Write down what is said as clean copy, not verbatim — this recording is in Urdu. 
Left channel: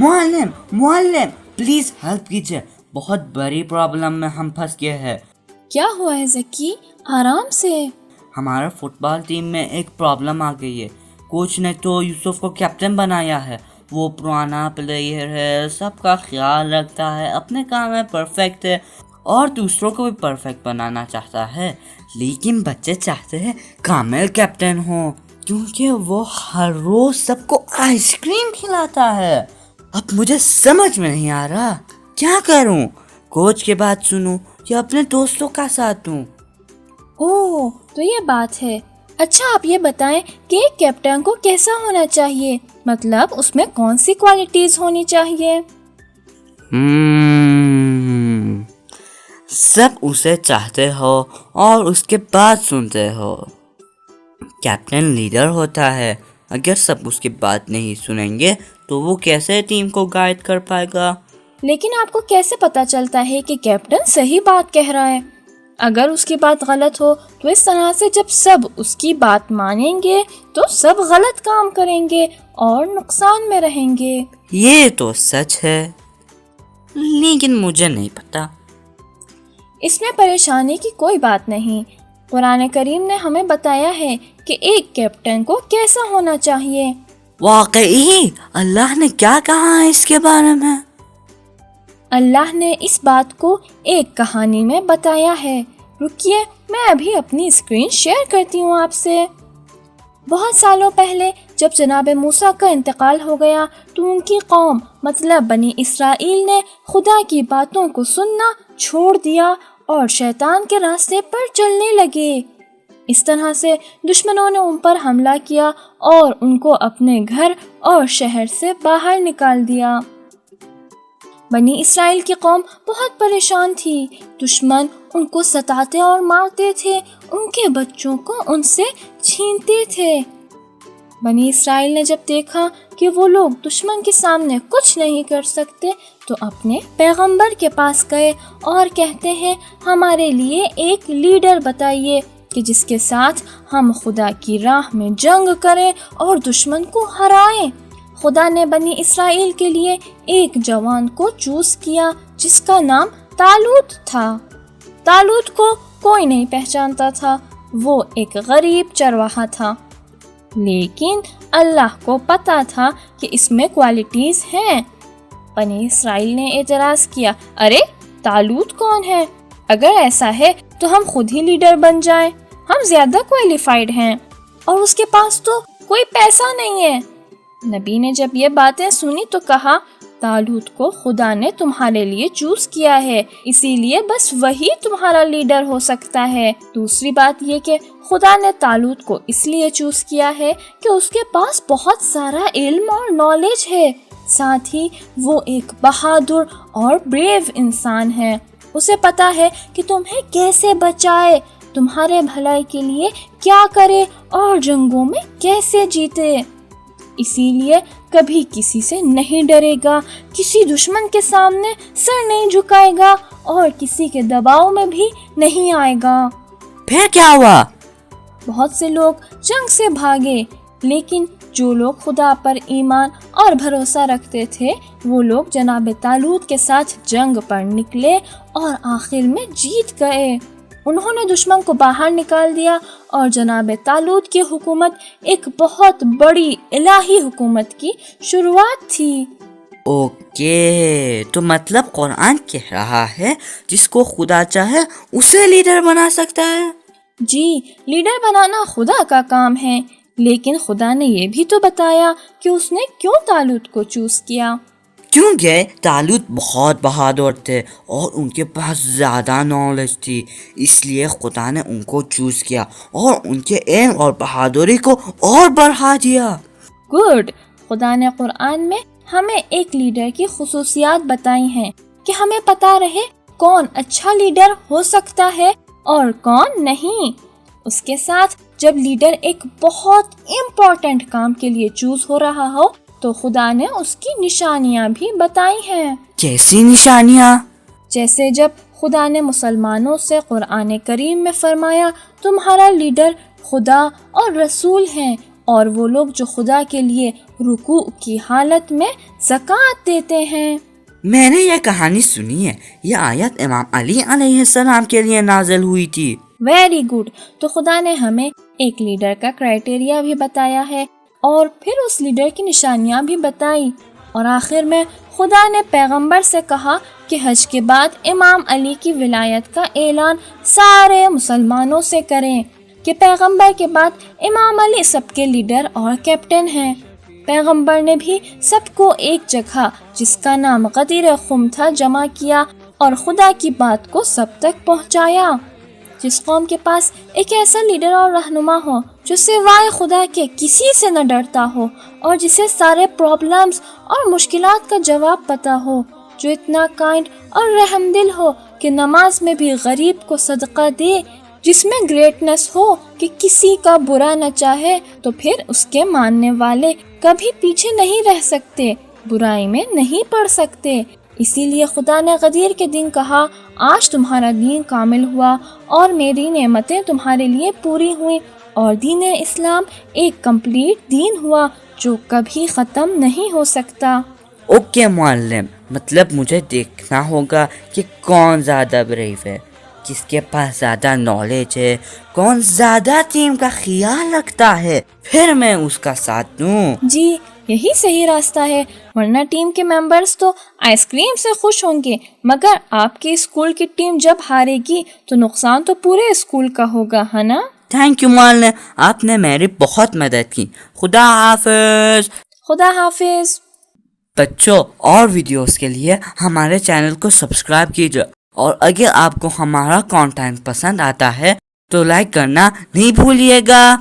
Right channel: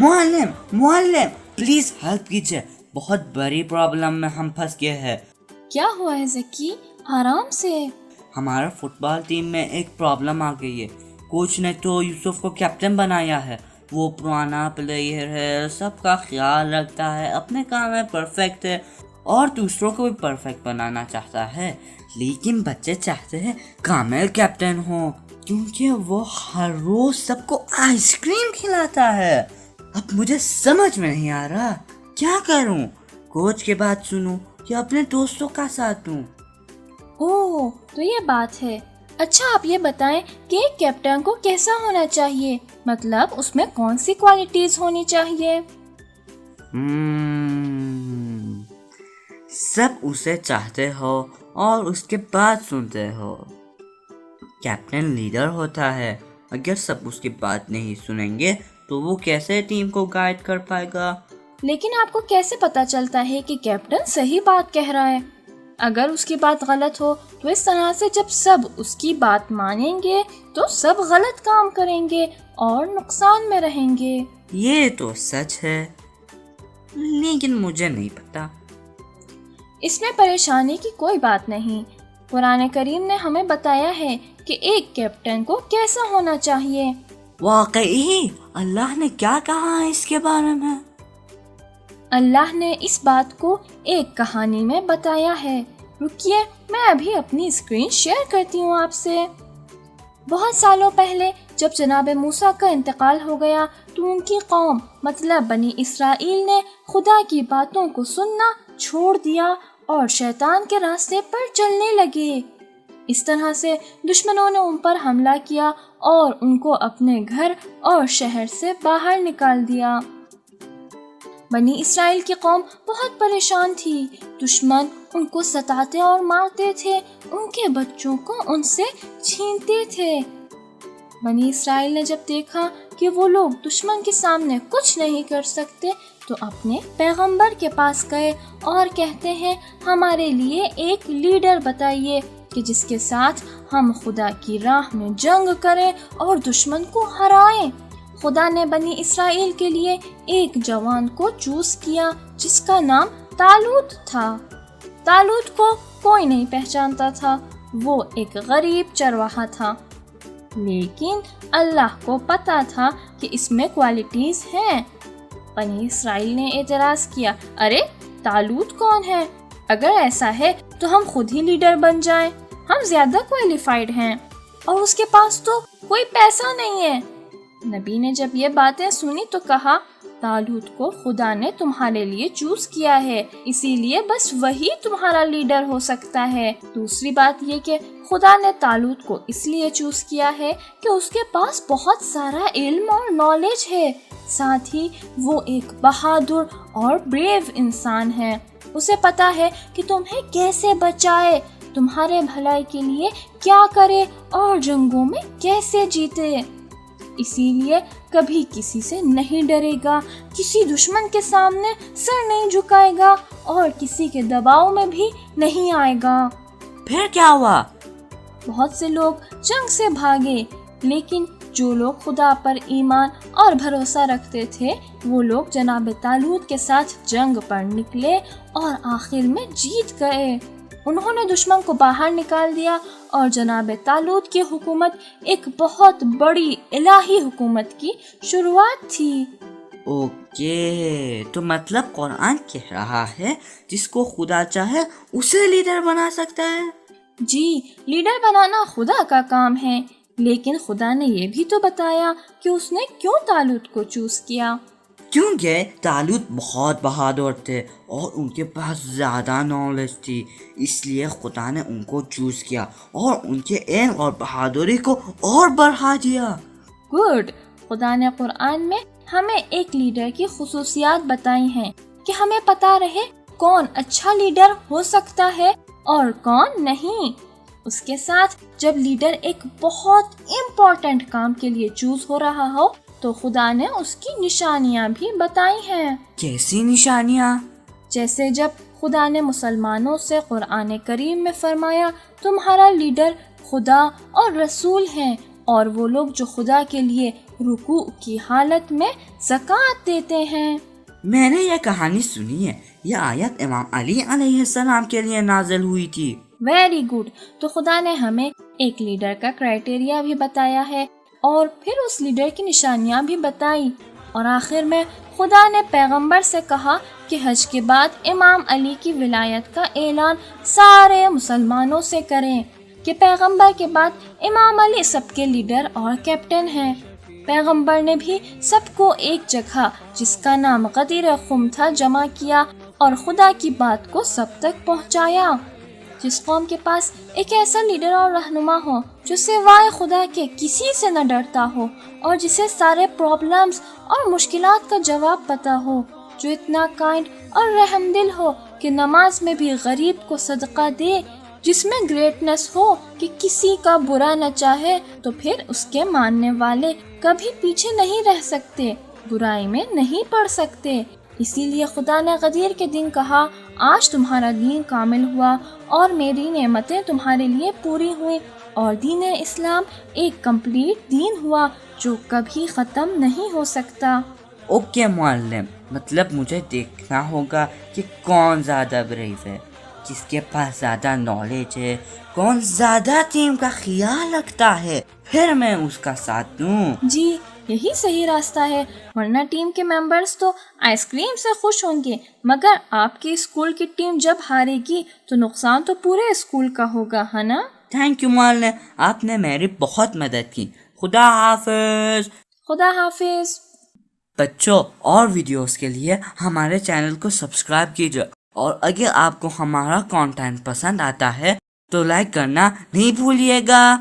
معلم معلم پلیز ہیلپ کیجیے، بہت بڑی پرابلم میں ہم پھنس گئے ہیں۔ کیا ہوا ہے ذکی؟ آرام سے۔ ہمارا فٹ بال ٹیم میں ایک پرابلم آ گئی ہے۔ کوچ نے تو یوسف کو کیپٹن بنایا ہے، وہ پرانا پلیئر ہے، سب کا خیال رکھتا ہے، اپنے کام میں پرفیکٹ ہے اور دوسروں کو بھی پرفیکٹ بنانا چاہتا ہے، لیکن بچے چاہتے ہیں کامل کیپٹن ہو کیونکہ وہ ہر روز سب کو آئس کریم کھلاتا ہے۔ اب مجھے سمجھ میں نہیں آ رہا کیا کروں، کوچ کی بات سنوں یا اپنے دوستوں کا ساتھ دوں۔ اوہ تو یہ بات ہے۔ اچھا آپ یہ بتائیں کہ ایک کیپٹن کو کیسا ہونا چاہیے، مطلب اس میں کون سی کوالٹیز ہونی چاہیے؟ سب اسے چاہتے ہو اور اس کے بات سنتے ہو۔ کیپٹن لیڈر ہوتا ہے، اگر سب اس کی بات نہیں سنیں گے تو وہ کیسے ٹیم کو گائیڈ کر پائے گا؟ لیکن آپ کو کیسے پتا چلتا ہے کہ کیپٹن صحیح بات کہہ رہا ہے؟ اگر اس کی بات غلط ہو تو اس طرح سے جب سب اس کی بات مانیں گے تو سب غلط کام کریں گے اور نقصان میں رہیں گے۔ یہ تو سچ ہے، لیکن مجھے نہیں پتا۔ اس میں پریشانی کی کوئی بات نہیں، قرآن کریم نے ہمیں بتایا ہے کہ ایک کیپٹن کو کیسا ہونا چاہیے۔ واقعی اللہ نے کیا کہا ہے اس کے بارے میں؟ اللہ نے اس بات کو ایک کہانی میں بتایا ہے، رکیے میں ابھی اپنی اسکرین شیئر کرتی ہوں آپ سے۔ بہت سالوں پہلے جب جناب موسیٰ کا انتقال ہو گیا تو ان کی قوم مطلب بنی اسرائیل نے خدا کی باتوں کو سننا چھوڑ دیا اور شیطان کے راستے پر چلنے لگے۔ اس طرح سے دشمنوں نے ان پر حملہ کیا اور ان کو اپنے گھر اور شہر سے باہر نکال دیا۔ بنی اسرائیل کی قوم بہت پریشان تھی، دشمن ان کو ستاتے اور مارتے تھے، ان کے بچوں کو ان سے چھینتے تھے۔ بنی اسرائیل نے جب دیکھا کہ وہ لوگ دشمن کے سامنے کچھ نہیں کر سکتے تو اپنے پیغمبر کے پاس گئے اور کہتے ہیں ہمارے لیے ایک لیڈر بتائیے کہ جس کے ساتھ ہم خدا کی راہ میں جنگ کریں اور دشمن کو ہرائیں۔ خدا نے بنی اسرائیل کے لیے ایک جوان کو چوز کیا جس کا نام طالوت تھا۔ طالوت کو کوئی نہیں پہچانتا تھا، وہ ایک غریب چرواہا تھا، لیکن اللہ کو پتا تھا کہ اس میں کوالٹیز ہیں۔ بنی اسرائیل نے اعتراض کیا، ارے طالوت کون ہے؟ اگر ایسا ہے تو ہم خود ہی لیڈر بن جائیں، ہم زیادہ کوالیفائڈ ہیں اور اس کے پاس تو کوئی پیسہ نہیں ہے۔ نبی نے جب یہ باتیں سنی تو کہا طالوت کو خدا نے تمہارے لیے چوز کیا ہے، اسی لیے بس وہی تمہارا لیڈر ہو سکتا ہے۔ دوسری بات یہ کہ خدا نے طالوت کو اس لیے چوز کیا ہے کہ اس کے پاس بہت سارا علم اور نالج ہے، ساتھ ہی وہ ایک بہادر اور بریو انسان ہے، اسے پتا ہے کہ تمہیں کیسے بچائے، تمہارے بھلائی کے لیے کیا کرے اور جنگوں میں کیسے جیتے۔ اسی لیے کبھی کسی سے نہیں ڈرے گا، کسی دشمن کے سامنے سر نہیں جھکائے گا اور کسی کے دباؤ میں بھی نہیں آئے گا۔ پھر کیا ہوا؟ بہت سے لوگ جنگ سے بھاگے، لیکن جو لوگ خدا پر ایمان اور بھروسہ رکھتے تھے وہ لوگ جناب طالوت کے ساتھ جنگ پر نکلے اور آخر میں جیت گئے۔ انہوں نے دشمن کو باہر نکال دیا اور جناب طالوت کی حکومت ایک بہت بڑی الہی حکومت کی شروعات تھی۔ اوکے، تو مطلب قرآن کہہ رہا ہے جس کو خدا چاہے اسے لیڈر بنا سکتا ہے؟ جی، لیڈر بنانا خدا کا کام ہے، لیکن خدا نے یہ بھی تو بتایا کہ اس نے کیوں طالوت کو چوز کیا۔ کیونکہ طالوت بہت بہادر تھے اور ان کے پاس زیادہ نالج تھی، اس لیے خدا نے ان کو چوز کیا اور ان کے علم اور بہادری کو اور بڑھا دیا۔ گڈ، خدا نے قرآن میں ہمیں ایک لیڈر کی خصوصیات بتائی ہیں کہ ہمیں پتہ رہے کون اچھا لیڈر ہو سکتا ہے اور کون نہیں۔ اس کے ساتھ جب لیڈر ایک بہت امپورٹنٹ کام کے لیے چوز ہو رہا ہو تو خدا نے اس کی نشانیاں بھی بتائی ہیں۔ کیسی نشانیاں؟ جیسے جب خدا نے مسلمانوں سے قرآن کریم میں فرمایا تمہارا لیڈر خدا اور رسول ہیں اور وہ لوگ جو خدا کے لیے رکوع کی حالت میں زکوٰۃ دیتے ہیں۔ میں نے یہ کہانی سنی ہے، یہ آیت امام علی علیہ السلام کے لیے نازل ہوئی تھی۔ ویری گڈ، تو خدا نے ہمیں ایک لیڈر کا کرائٹیریا بھی بتایا ہے اور پھر اس لیڈر کی نشانیاں بھی بتائی، اور آخر میں خدا نے پیغمبر سے کہا کہ حج کے بعد امام علی کی ولایت کا اعلان سارے مسلمانوں سے کریں کہ پیغمبر کے بعد امام علی سب کے لیڈر اور کیپٹن ہیں۔ پیغمبر نے بھی سب کو ایک جگہ جس کا نام غدیر خم تھا جمع کیا اور خدا کی بات کو سب تک پہنچایا۔ جس قوم کے پاس ایک ایسا لیڈر اور رہنما ہو جو سوائے خدا کے کسی سے نہ ڈرتا ہو اور جسے سارے پرابلمز اور مشکلات کا جواب پتہ ہو، جو اتنا کائنڈ اور رحم دل ہو کہ نماز میں بھی غریب کو صدقہ دے، جس میں گریٹنس ہو کہ کسی کا برا نہ چاہے، تو پھر اس کے ماننے والے کبھی پیچھے نہیں رہ سکتے، برائی میں نہیں پڑ سکتے۔ اسی لیے خدا نے غدیر کے دن کہا، آج تمہارا دین کامل ہوا اور میری نعمتیں تمہارے لیے پوری ہوئیں، اور دین اسلام ایک کمپلیٹ دین ہوا جو کبھی ختم نہیں ہو سکتا۔ اوکے معلم، مطلب مجھے دیکھنا ہوگا کہ کون زیادہ بریو ہے، کس کے پاس زیادہ نالج ہے، کون زیادہ ٹیم کا خیال رکھتا ہے، پھر میں اس کا ساتھ دوں۔ جی یہی صحیح راستہ ہے، ورنہ ٹیم کے ممبرز تو آئس کریم سے خوش ہوں گے، مگر آپ کی اسکول کی ٹیم جب ہارے گی تو نقصان تو پورے اسکول کا ہوگا، ہے نا؟ تھینک یو معلم، آپ نے میری بہت مدد کی۔ خدا حافظ۔ خدا حافظ۔ بچوں، اور ویڈیوز کے لیے ہمارے چینل کو سبسکرائب کیجئے، اور اگر آپ کو ہمارا کانٹینٹ پسند آتا ہے تو لائک کرنا نہیں بھولیے گا۔